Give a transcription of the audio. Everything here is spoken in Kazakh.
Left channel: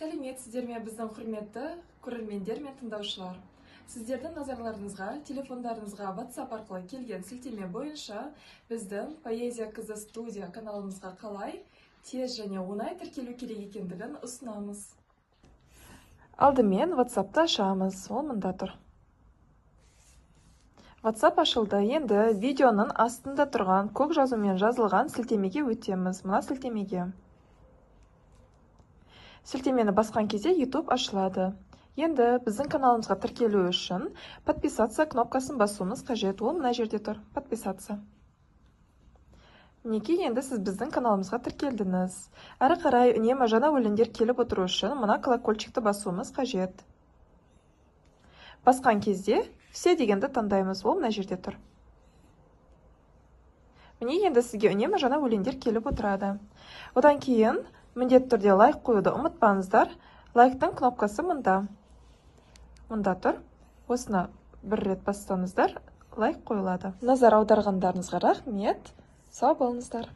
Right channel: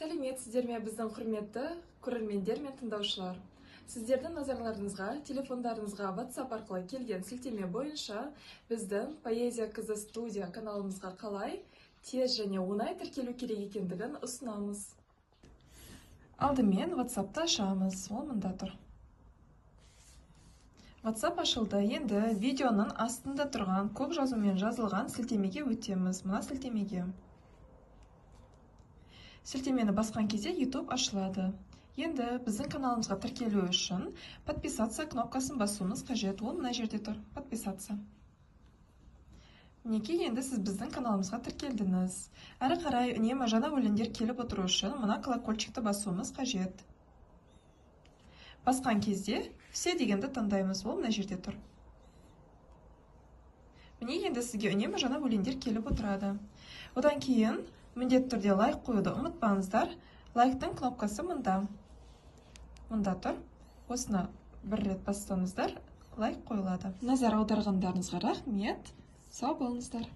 Сәлеметсіздер ме біздің құрметті көрермендер мен тыңдаушылар. Сіздердің назарларыңызға, телефондарыңызға WhatsApp арқылы келген сілтеме бойынша біздің Поэзия Кызы студия каналымызға қалай тез және оңай тіркелу керек екендігін ұсынамыз. Алдымен WhatsApp'ты ашамыз, ол мында тұр. WhatsApp ашылды. Енді видеоның астында тұрған көк жазумен жазылған сілтемеге өтеміз. Мына сілтемеге. Сілтемені басқан кезде YouTube ашылады. Енді біздің каналымызға тіркелу үшін подписаться кнопкасын басуымыз қажет. Ол мына жерде тұр. Подписаться. Мінекей, енді сіз біздің каналымызға тіркелдіңіз. Әрі қарай үнемі жаңа өлеңдер келіп отыру үшін мына колокольчикті басуымыз қажет. Басқан кезде все дегенді таңдаймыз. Ол мына жерде тұр. Міне, енді сізге үнемі жаңа өлеңдер келіп отырады. Одан кейін міндетті түрде лайк қоюды ұмытпаңыздар. Лайктың кнопкасы мында. Мында тұр. Осыны бір рет бассаңыздар, лайк қойылады. Назар аударғандарыңызға рахмет. Сау болыңыздар.